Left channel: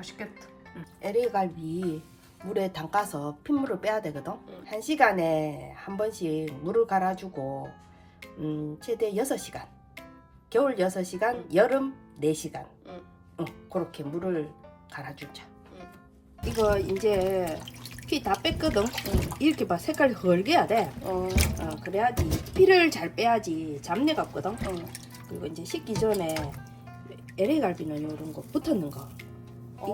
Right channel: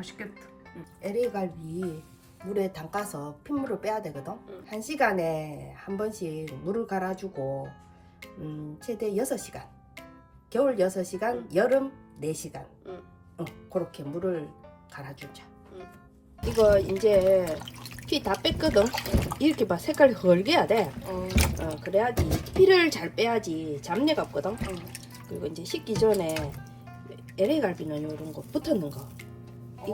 맛있겠다. LA 갈비 물에 담가서 핏물을 빼야 되거든. 1시간에 한 번씩 물을 갈아주고 최대 6시간. 겨울 6시간, 여름 4시간. 그렇게 물을 갈아주자. 이거 이제 피 다 뺐거든. 이렇게 봐, 색깔이 헐게야 돼. 그래야지 피를 잘 빼야지 잡내가 없거든. 그리고 이제 식기 전에 LA 갈비는 이런 거 붙었는 거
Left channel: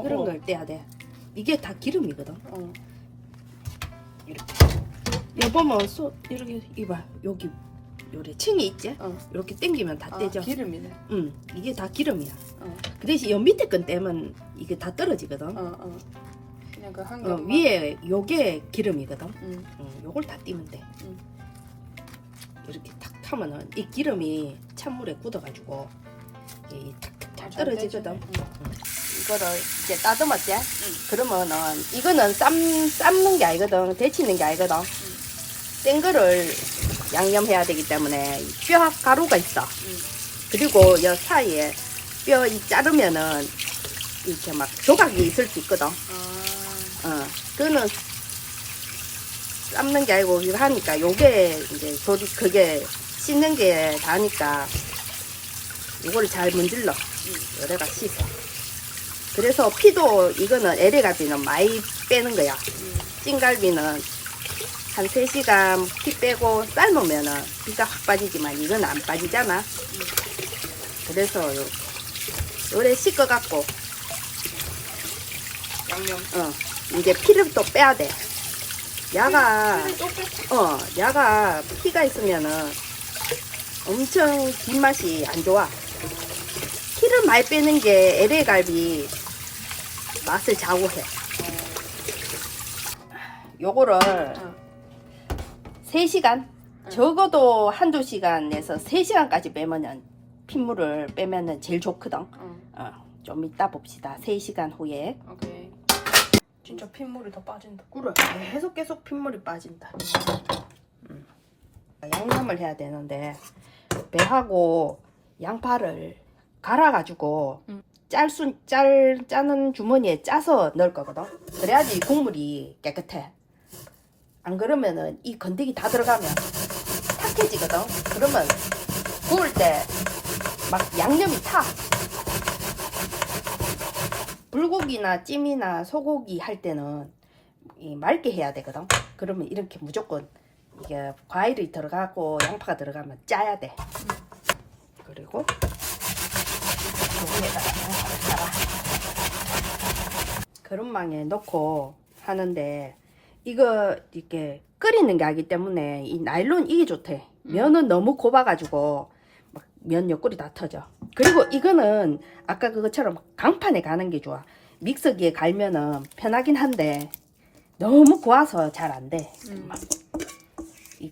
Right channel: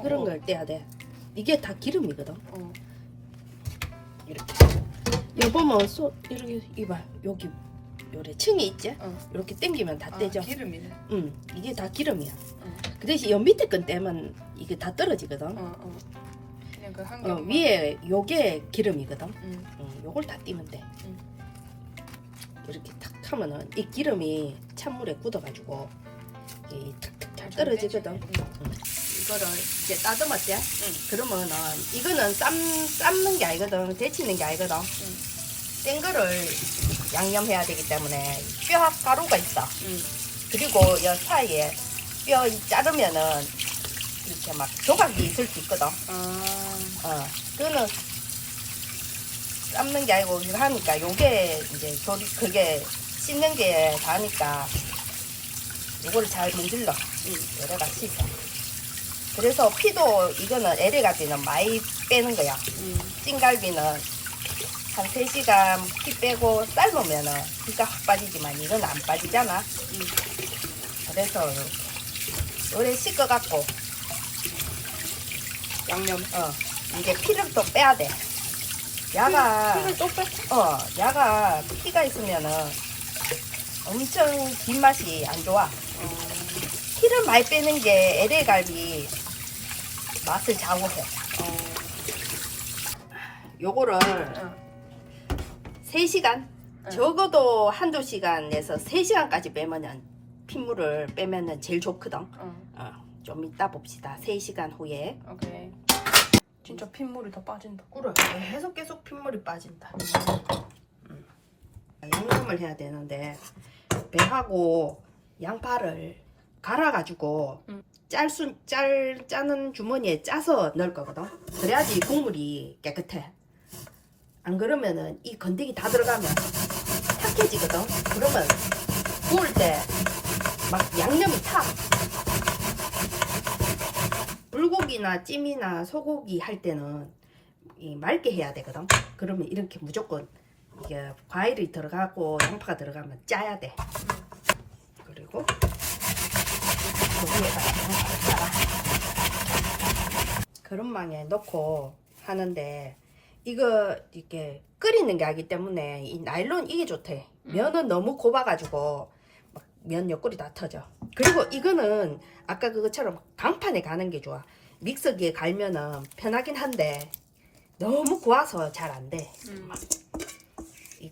이런 걸 떼야 돼. 이게 다 기름이거든. 이렇게 여기 보면 이렇게 이봐, 여기 요래 층이 있지? 이렇게 당기면 다 떼져. 기름이네. 이게 다 기름이야. 그 대신 요 밑에 건 떼면 이게 다 떨어지거든. 그냥 그 한 겹. 위에 요게 기름이거든. 요걸 다 띄면 돼. 이렇게 탁 하면은 이 기름이 찬물에 굳어가지고 이 탁탁 잘 떨어지거든. 이거를 이제 따듬었지? 그러면은 이거는 삶는 게 아니거든. 데치는 게 아니거든. 센 거를 양념해야 되기 때문에 뼈 가루가 있어. 그리고 여 사이에 뼈 자르면은 이렇게 막 조각이 있을 수 있거든. 그거는 삶는 게 아니고 이거 하니까 요게 이제 그게 씻는 게 다니까 이걸 잘 문질러. 요래가 씻어. 그래서 피도 이거는 LA 갈비는 많이 빼는 거야. 찐갈비는 한 3시간 피 빼고 삶으면은 피가 확 빠지지만 이건 안 빠지잖아. 그래서 오래 씻어갖고 양념 이게 피를 또 빼야 돼. 야가 야가 피가 있으면은 엄청 입맛이 안 좋아. 피를 많이 빼는 게 LA 갈비 맛을 좌우해. 요거를 3시간 적어도 한두 시간에서 3시간까지 빼면 핏물을 빼면 제일 좋거든. 좀 이따 봅시다. 3시간 후에. 오케이. 진짜 핏물이 더 빠진다. 그래, 계속 핏물이 빠진다. 양념을 해야 되는데 배하고 양파를 갈아가지고 짜는 주머니에 짜서 넣을 거거든. 그래야지 국물이 깨끗해. 안 그러면은 이 건더기 다 들어가면 탁해지거든. 그러면 구울 때 막 양념이 타. 불고기나 찜이나 소고기 할 때는 맑게 해야 되거든. 그러면 이렇게 무조건 이게 과일이 들어가고 양파가 들어가면 짜야 돼. 그리고 그릇망에 넣고 하는데 이거 이렇게 끓이는 게 아니기 때문에 이 나일론 이게 좋대. 면은 너무 곱아가지고 막 면 옆구리 다 터져. 그리고 이거는 아까 그것처럼 강판에 가는 게 좋아. 믹서기에 갈면은 편하긴 한데 너무 고와서 잘 안 돼.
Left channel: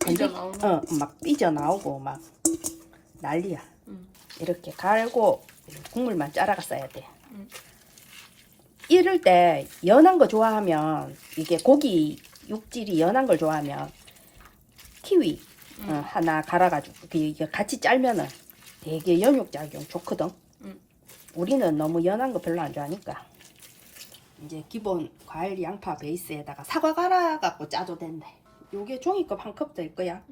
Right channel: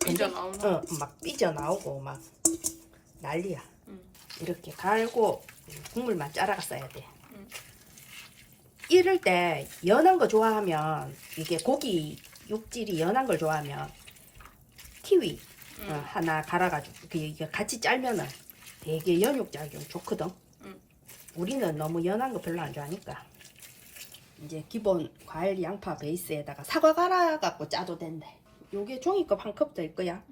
삐져나오나? 막 삐져나오고 막 난리야. 이렇게 갈고 국물만 짜라가 써야 돼. 이럴 때 연한 거 좋아하면 이게 고기 육질이 연한 걸 좋아하면 키위 하나 갈아가지고 이게 같이 짤면은 되게 연육작용 좋거든. 우리는 너무 연한 거 별로 안 좋아하니까 이제 기본 과일 양파 베이스에다가 사과 갈아갖고 짜도 된대. 요게 종이컵 한 컵 더 있고요.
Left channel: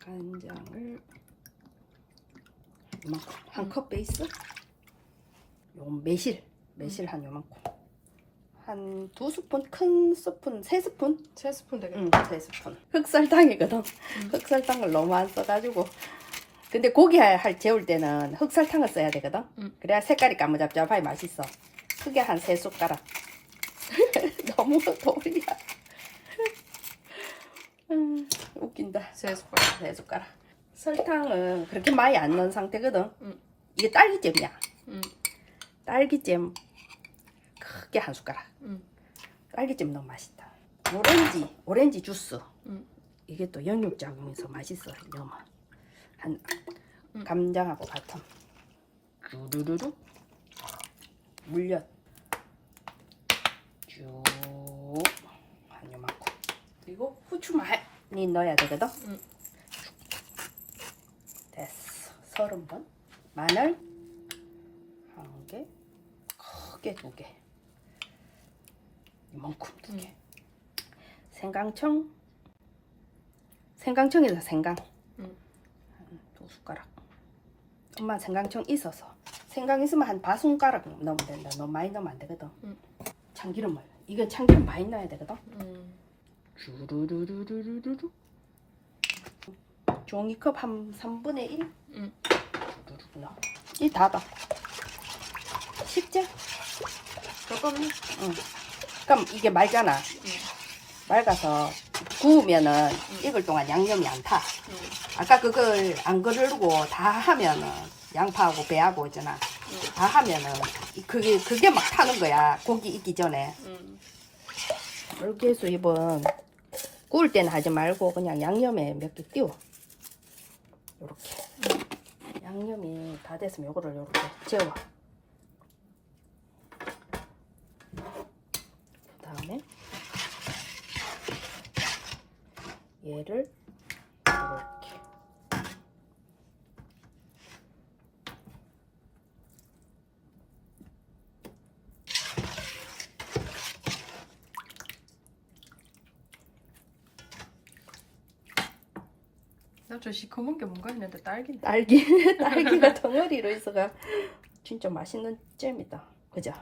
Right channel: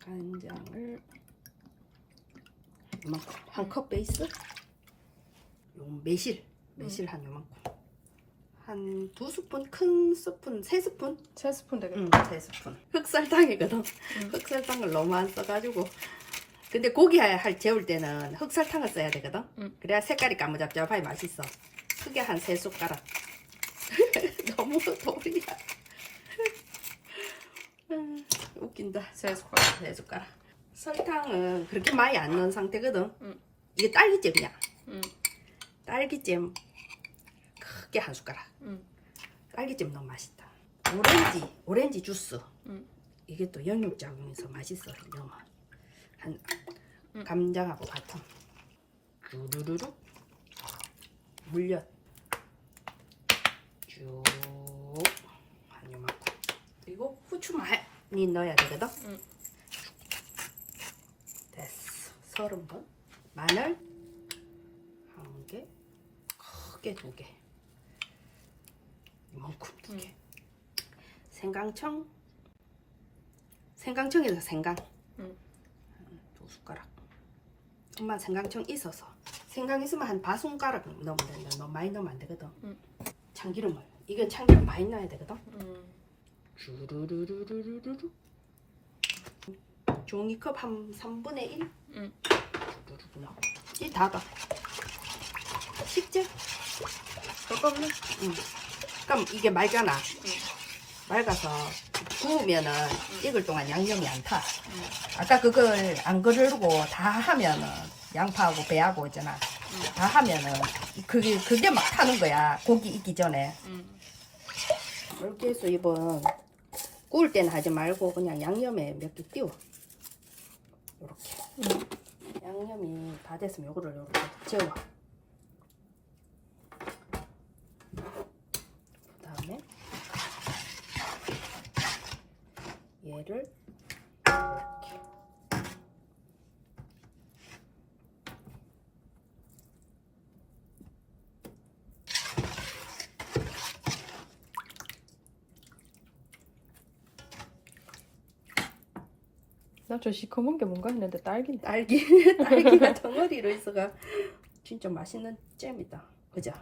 간장을 이만큼 한 컵 베이스. 요 매실 한 요만큼. 한 2스푼, 큰 스푼, 3스푼? 3스푼 되겠다. 3스푼. 흑설탕이거든. 흑설탕을 너무 안 써가지고. 근데 고기 재울 때는 흑설탕을 써야 되거든. 그래야 색깔이 까무잡잡하게 맛있어. 크게 한 3숟가락. 너무 도리야. 웃긴다. 3숟가락. 3숟가락. 설탕은 그렇게 많이 안 넣은 상태거든. 이게 딸기잼이야. 딸기잼 크게 한 숟가락. 딸기잼 너무 맛있다. 오렌지 주스. 이게 또 영육작용해서 맛있어. 너무 한 감장하고 바텀. 주르르르 물엿 쭉 한 요만큼. 그리고 후추 많이 넣어야 되거든. 됐어. 30번 마늘 1개, 크게 2개, 이만큼 2개. 생강청에서 생강 2숟가락. 엄마 생강청 있어서. 생강 있으면 한 5손가락 넣으면 된다. 너무 많이 넣으면 안 되거든. 참기름을. 이건 참기름 많이 넣어야 되거든. 주르르르르르르. 종이컵 한 3분의 1. 주르르 넣어. 이 다다. 식재? 잠깐만요. 그럼 이게 맑잖아. 맑아서 구우면은 익을 동안 양념이 안 타. 아까 그걸 안 그르고 다 하면은 양파하고 배하고 있잖아. 다 하면은 그게 막 타는 거야. 고기 익기 전에. 이렇게 해서 이번 구울 때는 하지 말고 그냥 양념에 몇 개 띄워. 이렇게. 양념이 다 됐으면 이거를 이렇게 재워. 그다음에 얘를 이렇게. 나 저 시커먼 게 뭔가 했는데 딸기인데. 딸기가 덩어리로 있어가 진짜 맛있는 잼이다. 그죠?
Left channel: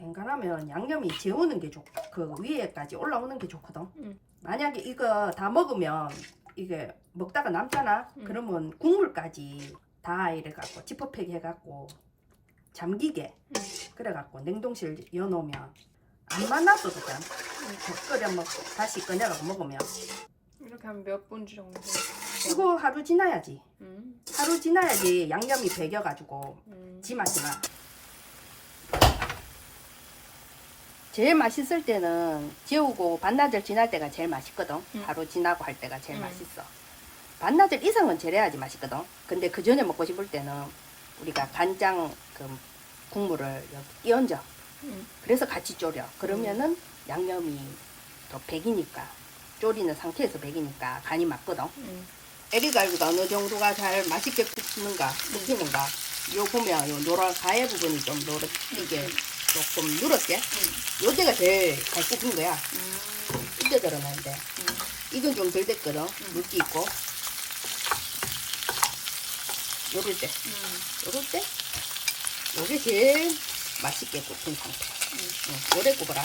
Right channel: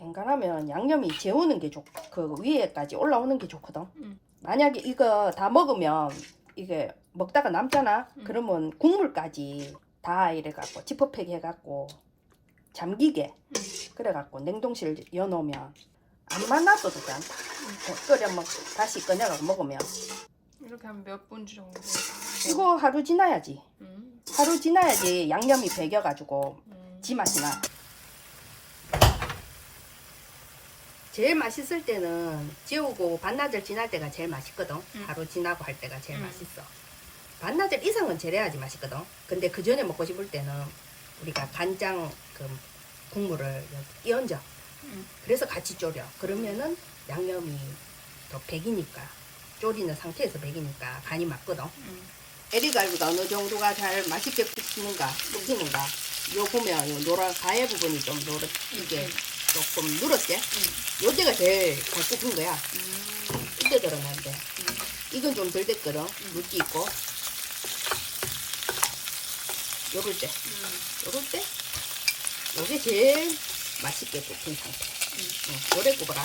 웬간하면 양념이 재우는 게 좋고 그 위에까지 올라오는 게 좋거든. 만약에 이거 다 먹으면 이게 먹다가 남잖아. 그러면 국물까지 다 이래갖고 지퍼팩 해갖고 잠기게 그래갖고 냉동실 여놓으면 안 만나도 되잖아. 끓여 먹고 다시 꺼내갖고 먹으면. 이렇게 한 몇 분 정도. 이거 하루 지나야지. 하루 지나야지 양념이 배겨가지고 지 맛이 나. 제일 맛있을 때는 재우고 반나절 지날 때가 제일 맛있거든. 하루 지나고 할 때가 제일 맛있어. 반나절 이상은 재래야지 맛있거든. 근데 그 전에 먹고 싶을 때는 우리가 간장 그 국물을 여기 끼얹어. 그래서 같이 졸여. 그러면은 양념이 더 배기니까. 졸이는 상태에서 배기니까 간이 맞거든. 에리갈비가 어느 정도가 잘 맛있게 굽는가, 요 보면 요 노란 가해 부분이 좀 이게 조금 누렇게. 요 때가 제일 잘 굽은 거야. 이때 들어가는데. 이건 좀 덜 됐거든. 물기 있고. 요럴 때. 요게 제일 맛있게 굽은 상태. 오래 굽어라.